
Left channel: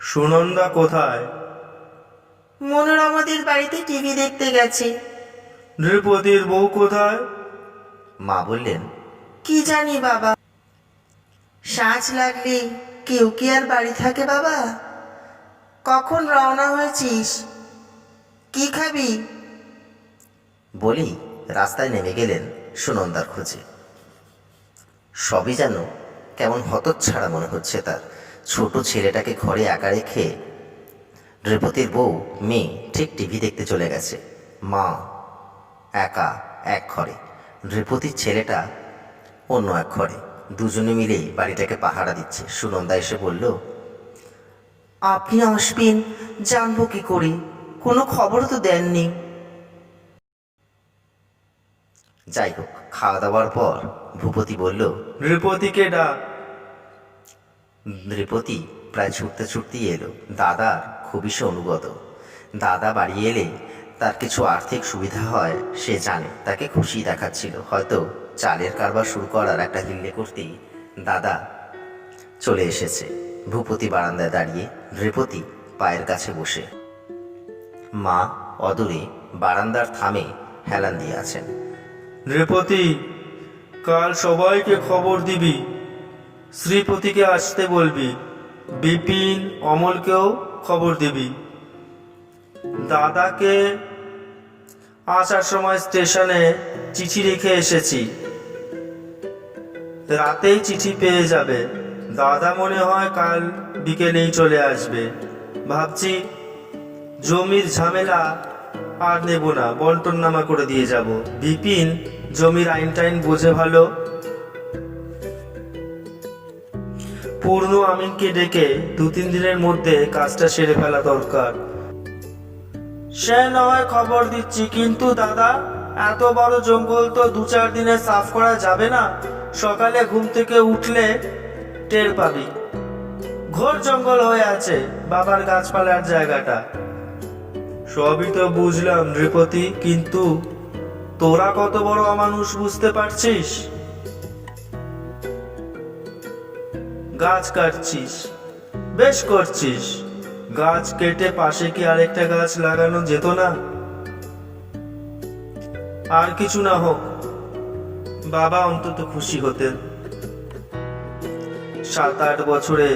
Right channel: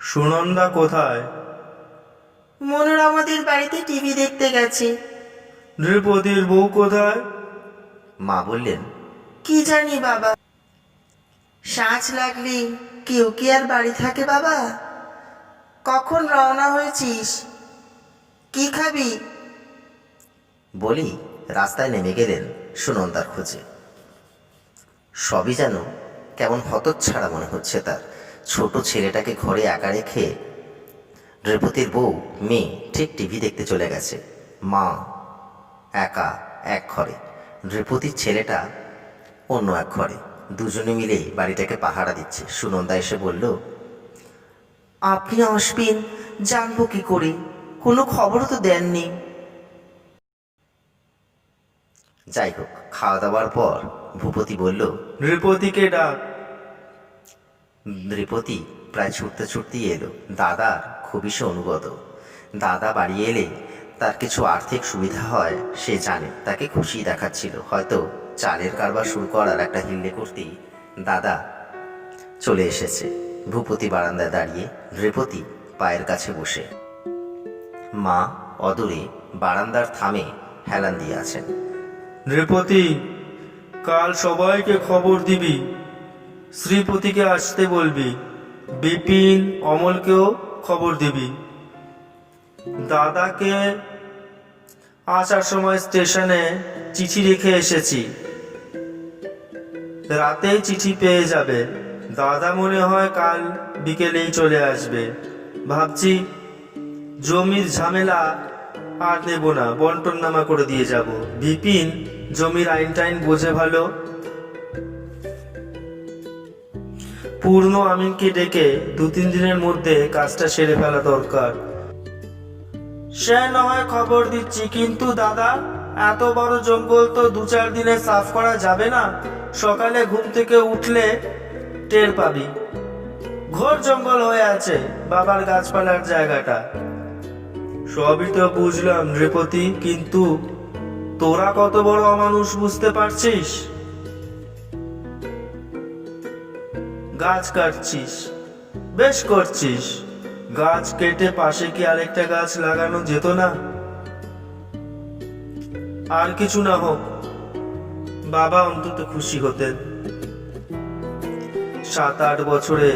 সুনন্দা কোথায়? মনোরমাদের বাড়িতে টিভি দেখতে গেছে। নৃপতির বউ কোথায়? মা বললেন, কি জানি বাবা। সাঁঝ লাগলে কেউ কি আর বাড়ি থাকে বাবা? কখন রওনা হয়েছিস? কি খাবি? বলি রাস্তায় নেমে গেলেন সুনন্দার খোঁজে। সবই যেন কেমন হতচ্ছাড়া মনে হচ্ছে তার। ছোট ছেলেটাকে ঘরে একা রেখে নৃপতির বউ মেয়ে ঠিক টিভি দেখতে চলে গেছে। মা একা এক ঘরে, নৃপতির ছেলেটা অন্য এক ঘরে। দুজনে মিলেই বাড়িটাকে পাহারা দিচ্ছে। সুনন্দা এসে বলল, আপনি আসবেন জানবো কি করে? কোনো খবর তো দেননি। যাই হোক, খাওয়া দাওয়ার পর ভূপতি বলল, নৃপতিকে ডাক। নৃপতি প্রায় ছুটতেই এলো। দাদার খুবই সে অনুগত। দাদা বাড়ি এলে তার কিছু আর্থিক সুবিধা হয় সে জানে। তাকে খুশি দেখাচ্ছিল। হয়তো চালের কারবার শুরু করার একটা হিল্লে করতেই দাদা চলে এসেছে। ভূপতি বারান্দায় দাঁড়িয়ে, নৃপতি পায়ের কাছে বসে। মা অদূরে বারান্দার থামে হেলান দিয়ে আছেন। নৃপতি, কাল সবাইকে খবর দিবি। শ্রীপতিকে আসতে বলবি। বিপিন, অমলকেও খবর দিবি। দাদাকে আসার সময় স্টেশনে চিঠি রেখে এসেছি। রাতেই চিঠি পেয়ে যাবে। দাদা মনে হয় কাল বিকেলেই চলে আসবে। ভাবছি জমির ঝামেলা আর নেব না, বন্টন নামা করে দিয়ে যাব। বিপিন জমির আইন টাইন বোঝে ভালো। পূর্ণ আমিনকে ডেকে 2-3 দিনের মধ্যে কাজটা সেরে ফেলা দরকার। সে না হয় খবর দিচ্ছি, কিন্তু দাদা, এত বড় জঙ্গল তো 2-4 দিনে সাফ করা যাবে না। সকালে ঘুম থেকে উঠলে টের পাবি ঘোর জঙ্গল হয়ে আছে বাবার গাছপালার জায়গাটা। সবই তো বুঝলাম নৃপতি, কিন্তু তোরা কত বড় অমানুষ বুঝতে পারছিস? গাছ কাটছিস, বেশ করছিস। গাছ কেটে পাশে কি আরেকটা গাছ লাগানো যেত না? আর কিছু না হোক, বাবা অন্তত খুশি হতেন। 7-8 বছরে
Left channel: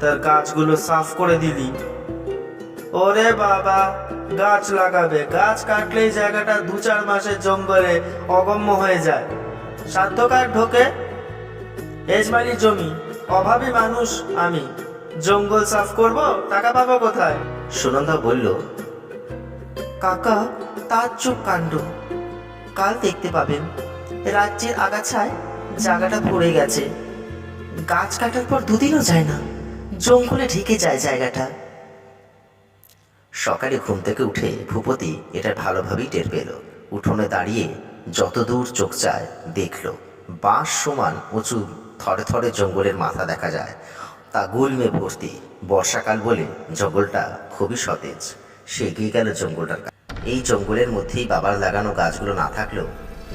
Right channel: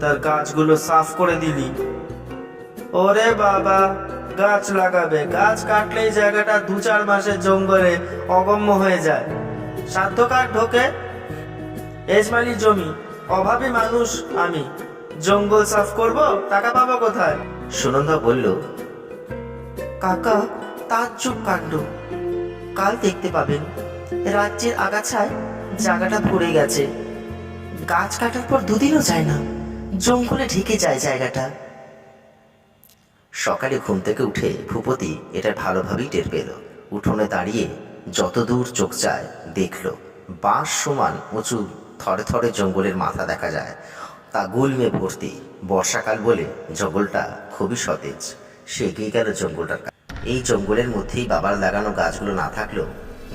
তার গাছগুলো সাফ করে দিলি। ওরে বাবা, গাছ লাগাবে, গাছ কাটলেই জায়গাটা 2-4 মাসের জঙ্গলে অগম্য হয়ে যায়। সাধ্য কার ঢোকে? এজমালি জমি, অভাবী মানুষ আমি, জঙ্গল সাফ করব, টাকা পাবো কোথায়? সুনন্দা বলল, কাকা, তার চুপ কাণ্ড। কাল দেখতে পাবেন রাজ্যের আগাছায় জায়গাটা ভরে গেছে। গাছ কাটার পর 2 দিনও যায় না, জঙ্গলে ঢেকে যায় জায়গাটা। সকালে ঘুম থেকে উঠে ভূপতি এটা ভালোভাবেই টের পেল। উঠোনে দাঁড়িয়ে যত দূর চোখ যায় দেখল বাঁশ সমান উঁচু থরে থরে জঙ্গলের মাথা দেখা যায়। তা গুল্মে ভর্তি। বর্ষাকাল বলে জঙ্গলটা খুবই সতেজ। সে এগিয়ে গেল জঙ্গলটার কাছে। এই জঙ্গলের মধ্যেই বাবার লাগানো গাছগুলো না থাকলেও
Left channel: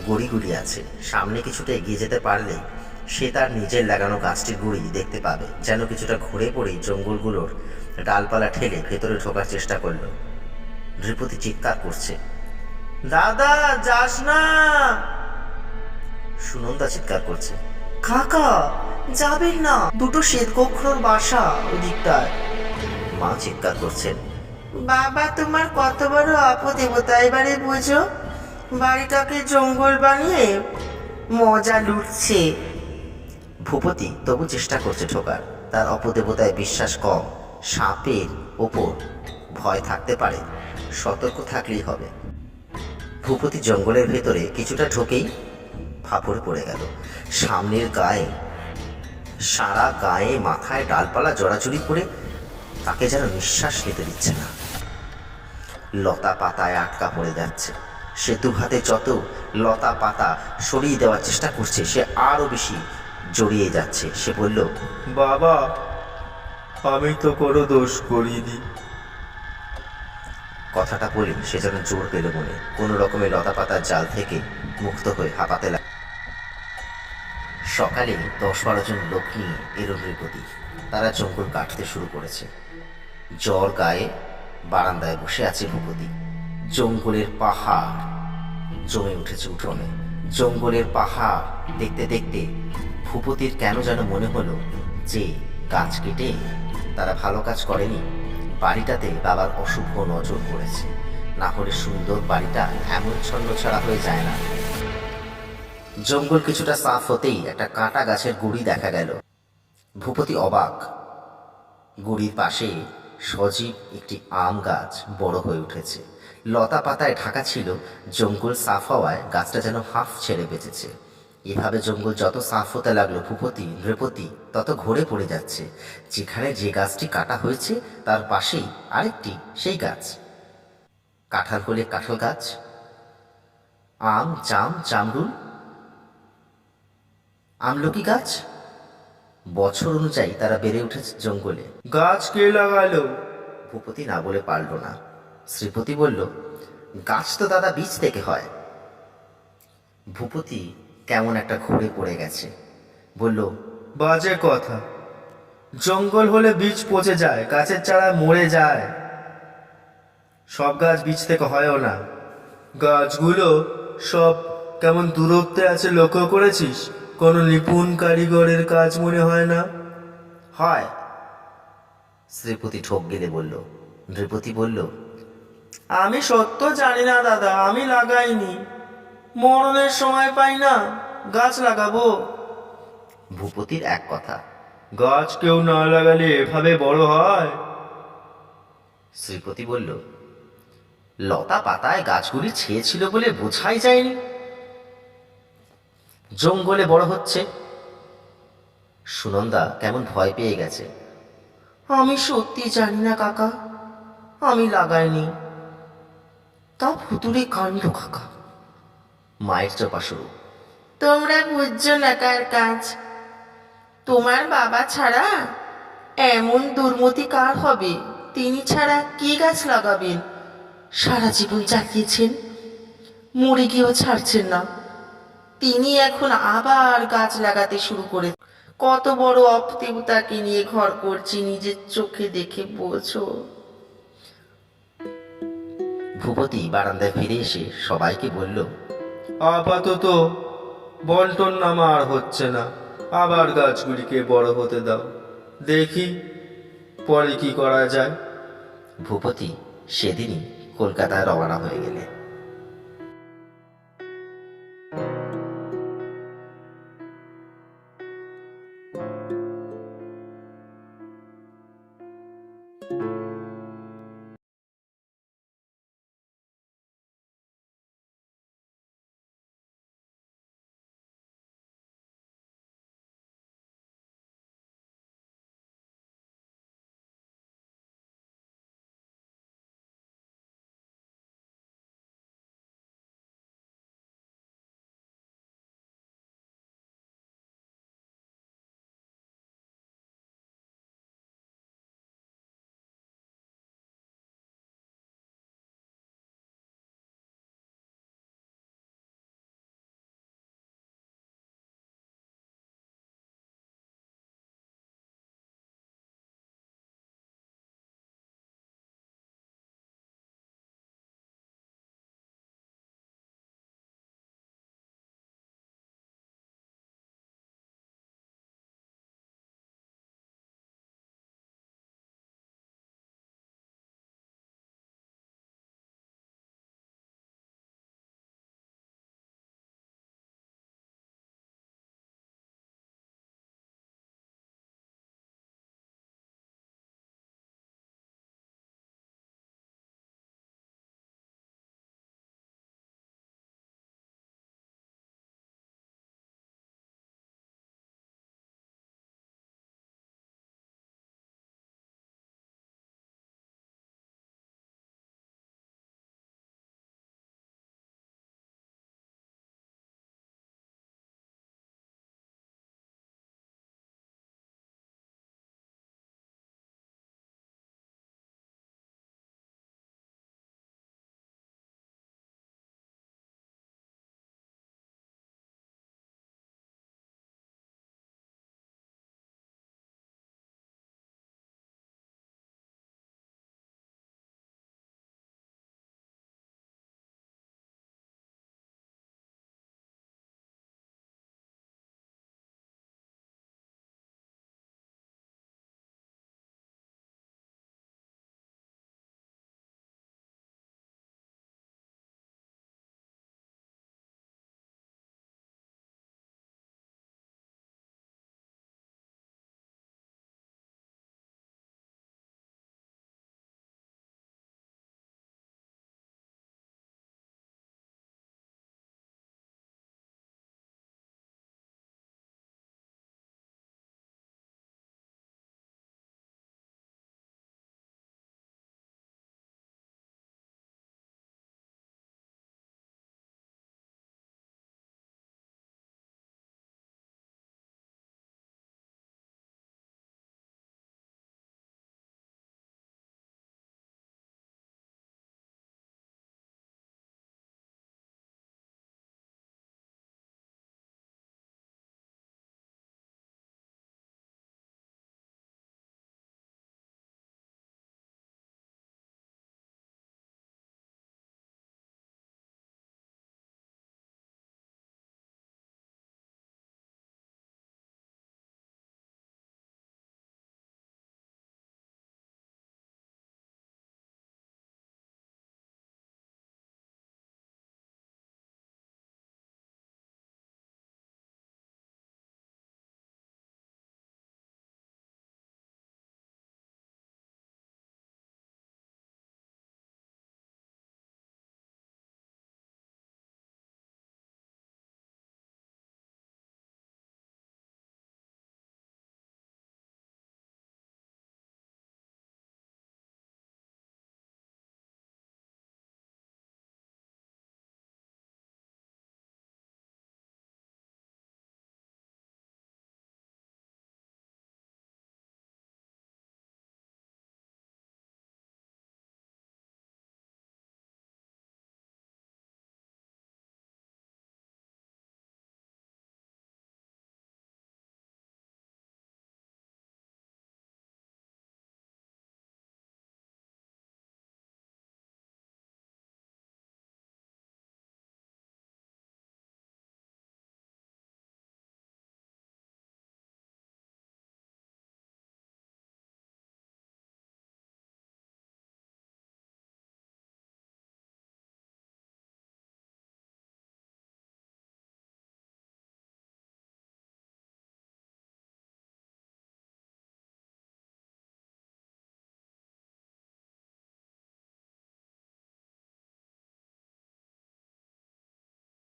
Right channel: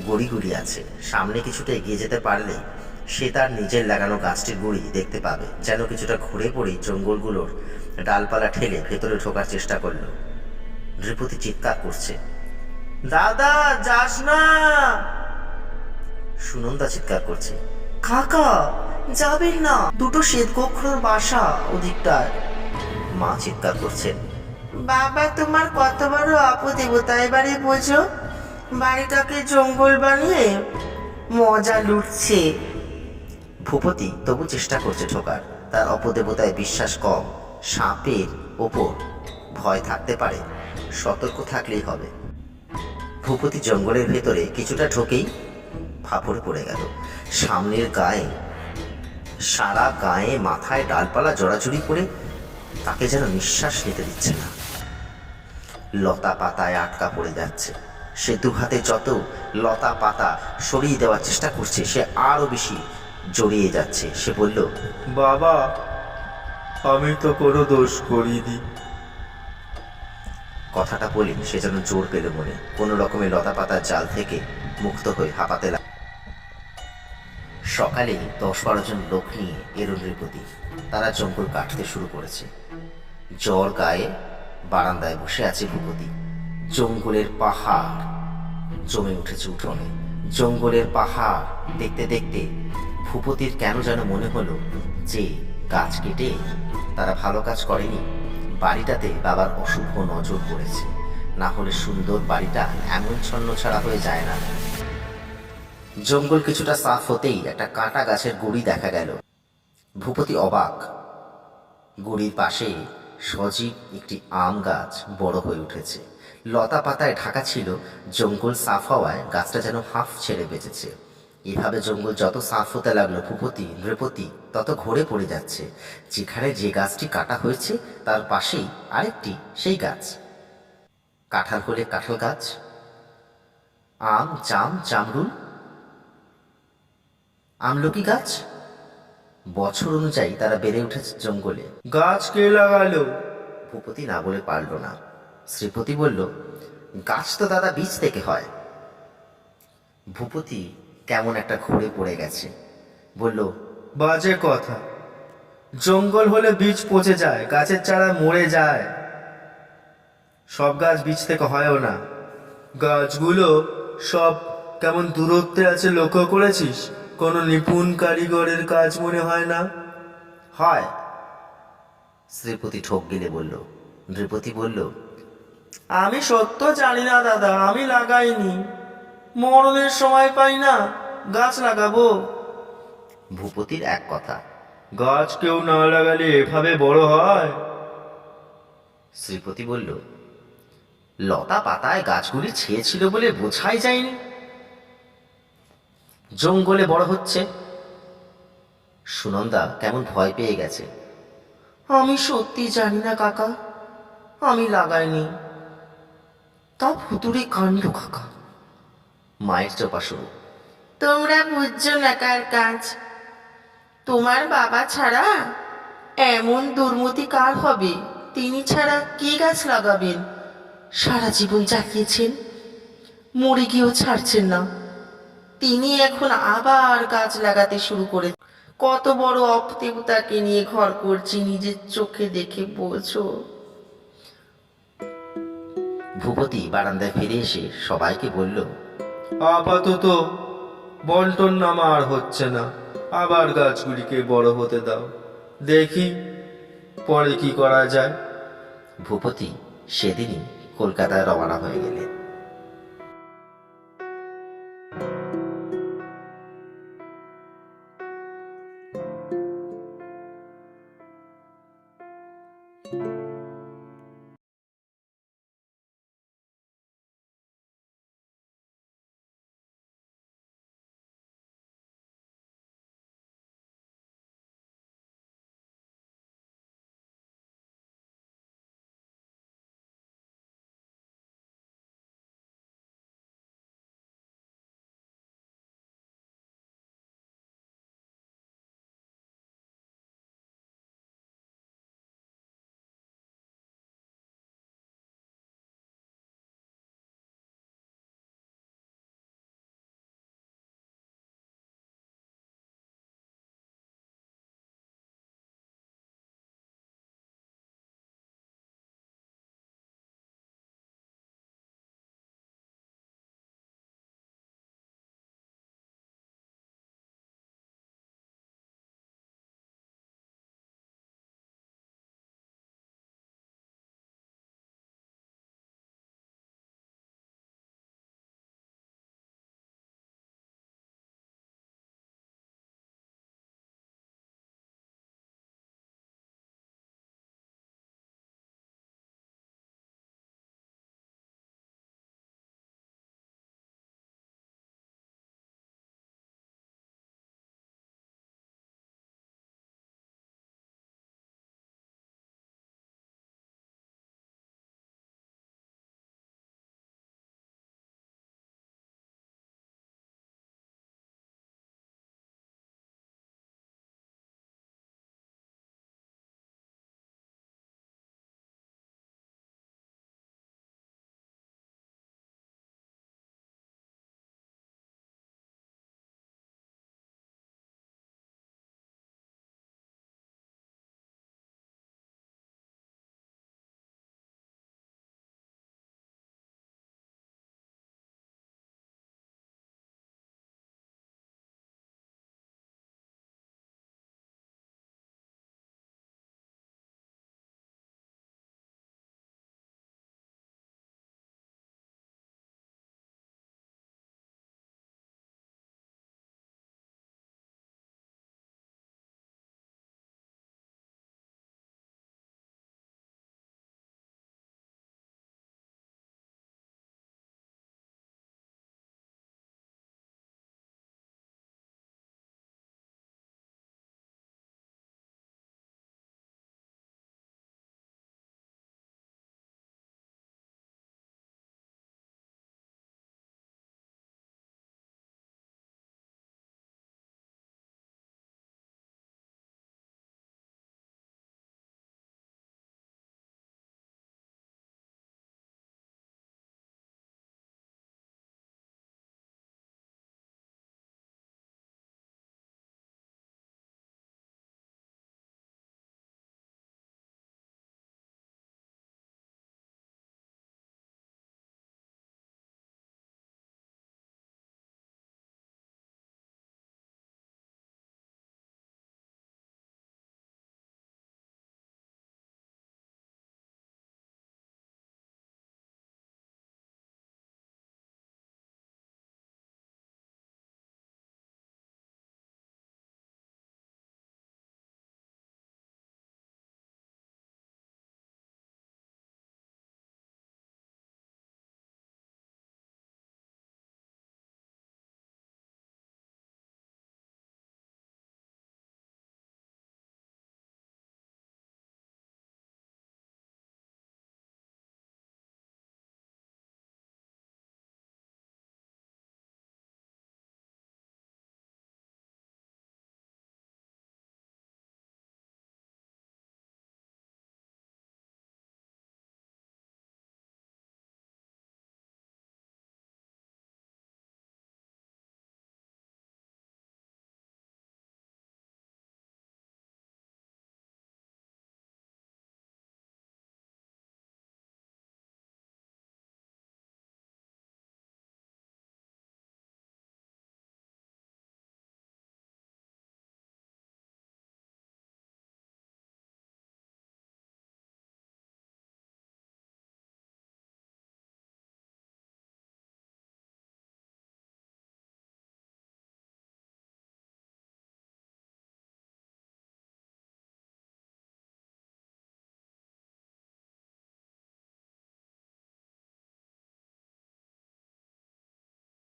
গুড়ি গুড়ি আছে। সামনে কিছুটা এগিয়ে যেতে পারলে সে তার নিজের লাগানো গাছটির গুড়ি দেখতে পাবে। যেন কিছুটা ঘুরে পড়েই জঙ্গলগুলোর ডালপালা ঠেলে ভেতরে ঢোকার চেষ্টা করলো। নৃপতি চিৎকার করছে, দাদা যাস না। সুনন্দা চিৎকার করছে, কাকা, যাবেন না, 2টো শ্বেতগোখরোর বাসা ওদিকটায়। মা চিৎকার করছেন, বাবা তোমার কত বড় অপদেবতা, এবারে বোঝো। বাড়িটাকে জঙ্গল বানিয়ে মজা লুটছে। ভূপতি তবু চেষ্টা করছে ঢোকার। তার অপদেবতায় বিশ্বাস কম। সাপের ওপর ভয় থাকতে পারে, সতর্ক থাকলেই হবে। ভূপতি জঙ্গলের ভেতরে কিছুটা ঢোকেই ফাঁপড়ে পড়ে গেল। সামনের গায়ে, সারা গায়ে মাথায় ডালপালা জড়াজড়ি করে তাকে যেন নিঃশ্বাস নিতে দিচ্ছে না। লতা পাতায় আটকা পড়ে যাচ্ছে। সে 2 হাতে যত লতা পাতা সরিয়ে দেওয়ার চেষ্টা করছে, সে আরও বেশি জড়িয়ে যাচ্ছে। সে বলল, বাবা, আমি তো কোনো দোষ করিনি। কথাটা বলে সে যেন জোর পেল মনে। কোনো রকমের লতা পাতার জাল থেকে মুক্ত হয়ে হাঁপাতে লাগল। সকালে 10-12 জন লোক নিয়ে এলো নৃপতি। তারা জঙ্গল কাটতে শুরু করেছে। জ্বর গায়ে বারান্দায় বসে আছে ভূপতি। জঙ্গলের পাহাড় জমে উঠেছে উঠোনে। জঙ্গলের পাহাড় দেখতে দেখতে ভূপতির কেন যেন মনে হলো যে গাছ কেটে তারা ভালো কাজ করেনি। বাড়িটাতে বাবার অশুভ নজর পড়েছে। না হলে সুন্দর বাড়িটা এমন ছন্নছাড়া হয়ে যায় না। জঙ্গল কিছুটা সাফ হতেই একটা কাঁটা গাছের গুড়ি দেখা গেল। ভূপতি অবাক। গুড়ির পাশে সজীব একটি আম গাছ বড় হয়ে উঠেছে। লতা পাতায় ঢাকা ছিল। জঙ্গল সাফ হওয়ায় গাছটা যেন হাঁফ ছেড়ে বেঁচেছে। এভাবে জঙ্গল যত সাফ হতে লাগলো, ভূপতি নৃপতি তত ঘুরে পড়ে যাচ্ছে। যেখানে যে গাছটি কাটা হয়েছে তার পাশেই আরেকটি সেই গাছ। কাঁঠাল হলে কাঁঠাল গাছ, আম, জাম, জামরুল, আমলকি গাছ। বছর অনুযায়ী তারা বেড়ে উঠেছে জঙ্গলে। গাছ কে লাগালো? ভূপতি না বলে পারল না। শ্রীপতি বলল, গাছ তো দাদা বীজ থেকে হয়। ভূপতি কেমন একটা ঘুরে পড়ে গেছে। বলল, বাজে কথা। জঙ্গল হলে বীজ পচে যায়, গাছের চারা মরে যায়। সব গাছ বীজ থেকে হয়ও না। গাছগুলো সব কেমন দূরত্বে আছে লক্ষ্য করেছিস? কোনো নিপুণ কারিগরের কাজ মনে হয় না। হয়। শ্রীপতি ঠোক গিলে বলল। নৃপতি বলল, আমি সত্য জানি না দাদা, আমি লাগাইনি। মরণের সময় পাই না, গাছ লাগাবো। ভূপতির এক কথা। গাছ কেউ না লাগালে এভাবে বড় হয়? শ্রীপতি বলল, লতা পাতায় গাছগুলি ছেয়েছিল বলে বোঝাই যায়নি। জঙ্গলে বড় হচ্ছে। সুনন্দা কেমন ভয় পেয়ে গেছে। আমি সত্যি জানি না কাকা, আমি লাগাইনি। তা ভুতুরে কাণ্ড কাকা। মায়ের চোপা শুরু। তোমরা বুঝছো না কার কাজ? তোমার বাবা ছাড়া এমন দুর্মতি কার হবে? তিনি ছাড়া কি গাছ লাগাবেন? সারা জীবন চালিয়েছেন, মরে গিয়েও ছাড়ছেন না। তিনি এখন আবার গাছ লাগাতে শুরু করে। কত বড় অপদেবতাকে নিয়ে ঘর করছি, নিজের চোখে দেখে বোঝো। ভূপতি বারান্দায় ফিরে এসে সবাইকে বলল, আপাতত বন্টন নামা আর হচ্ছে না, আবার গাছগুলিকে বড় হতে দাও, দেখি পরে কি করা যায়। ভূপতি সেদিনই কলকাতায় রওনা হয়ে গেলেন।